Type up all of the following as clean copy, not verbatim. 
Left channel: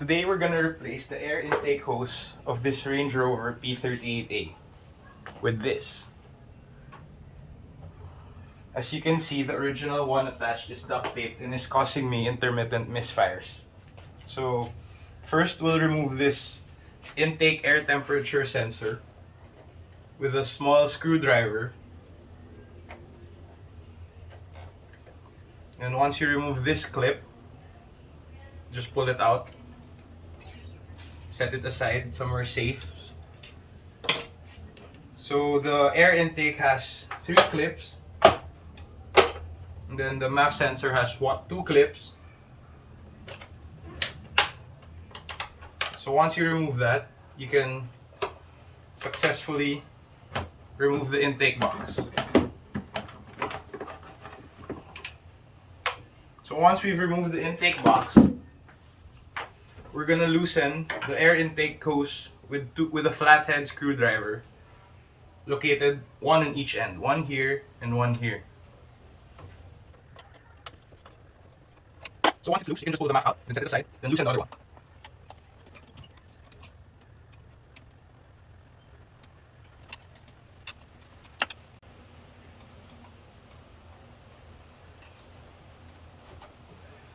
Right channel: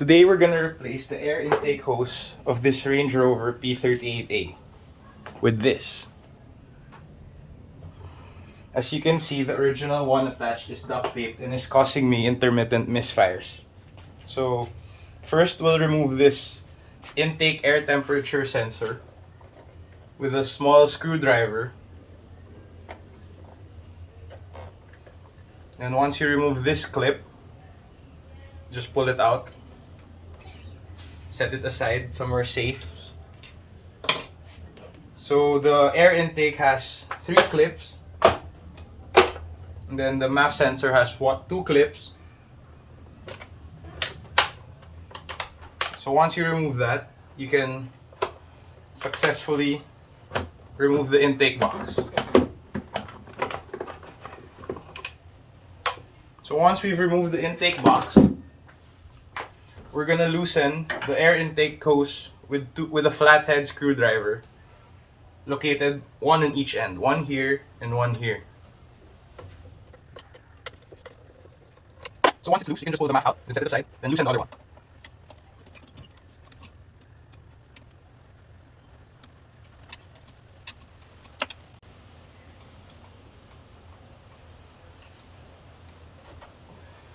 Today we're gonna replace the air intake hose of this Range Rover P38 A with this. As you can see, the original one attached is duct taped and is causing me intermittent misfires. So first we'll remove this intake air temperature sensor with a small screwdriver. And once you remove this clip, just pull it out. Set it aside somewhere safe. So the air intake has 3 clips. And then the MAF sensor has 2 clips. So once you remove that, you can successfully remove the intake box. So once we've removed the intake box, we're gonna loosen the air intake hose with a flathead screwdriver located one on each end, one here and one here. So once it's loose, you can just pull the MAF out and set it aside, then loosen the other one.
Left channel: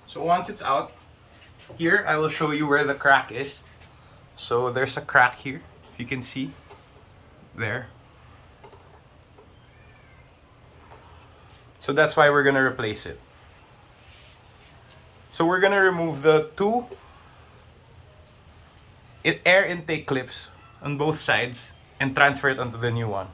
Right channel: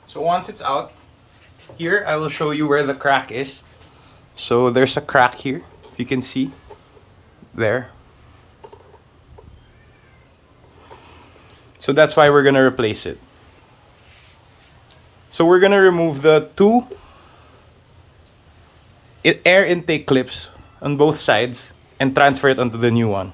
So once it's out, here I will show you where the crack is. So there's a crack here, if you can see, there. So that's why we're gonna replace it. So we're gonna remove the 2 air intake clips on both sides and transfer it onto the new one.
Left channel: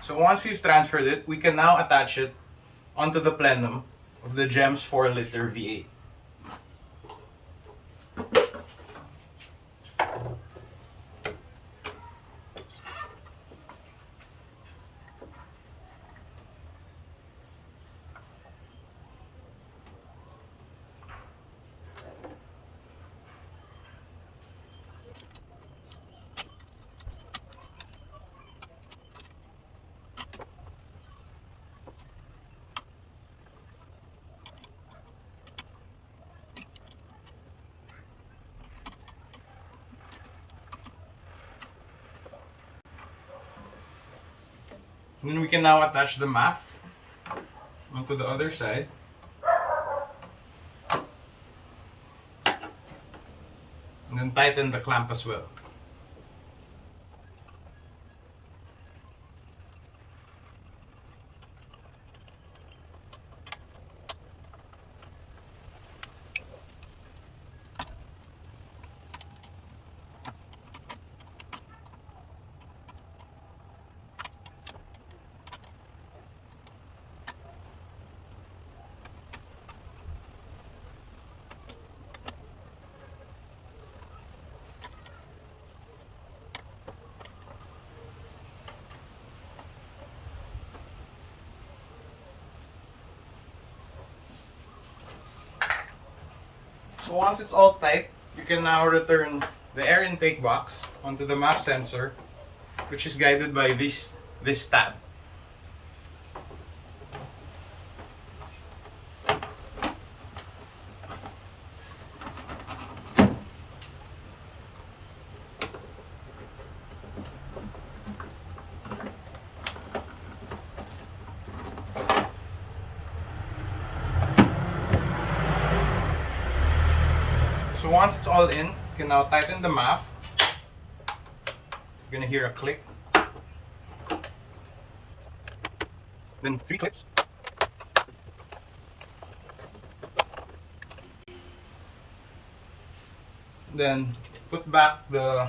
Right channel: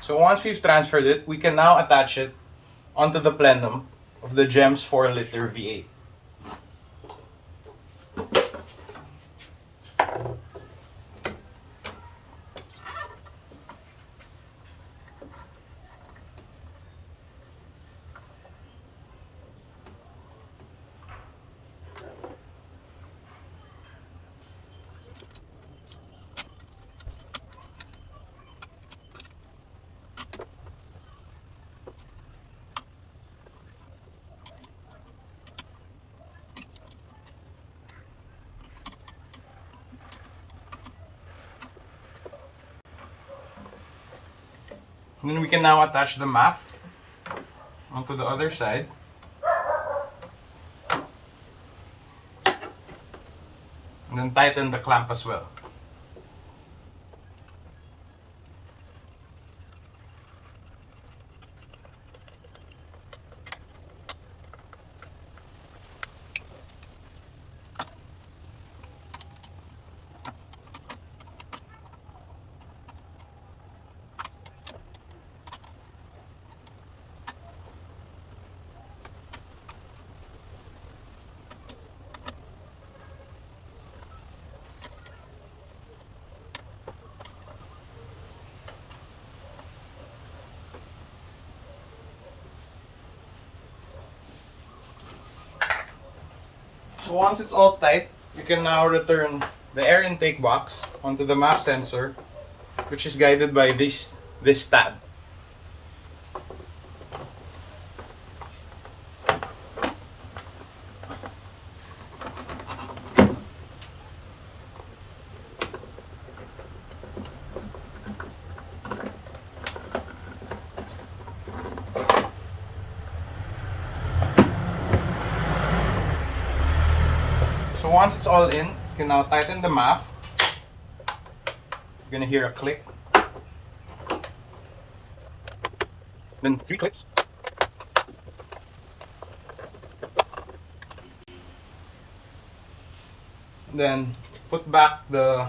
So once we've transferred it, we can now attach it onto the plenum of the GEMS 4-liter V8. And then we can now attach the MAF onto the other side. And then tighten the clamp as well. So once it's all tight, you can now return the air intake box onto the MAF sensor, which is guided by this tab. So once it's all in, you can now tighten the MAF. You're gonna hear a click. Then 3 clicks. And then put back the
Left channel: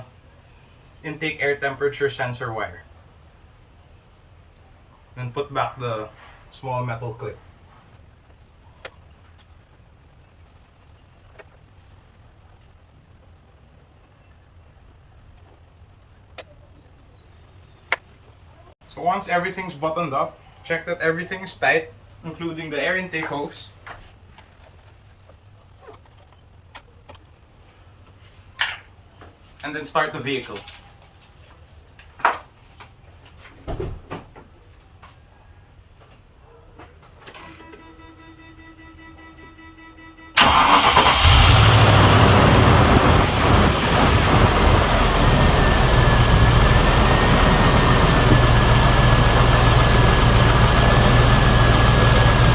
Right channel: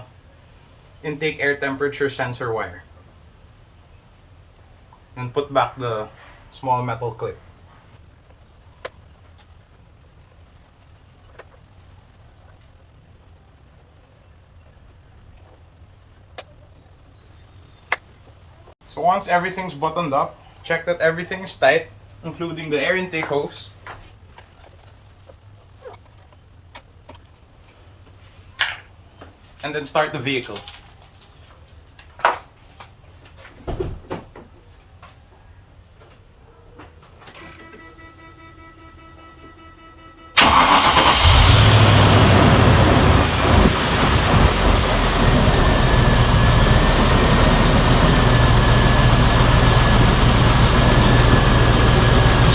intake air temperature sensor wire. And put back the small metal clip. So once everything's buttoned up, check that everything is tight, including the air intake hose. And then start the vehicle.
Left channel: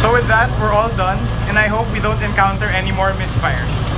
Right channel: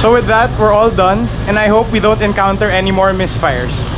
So with that, we're all done, and I hope we don't encounter any more misfires.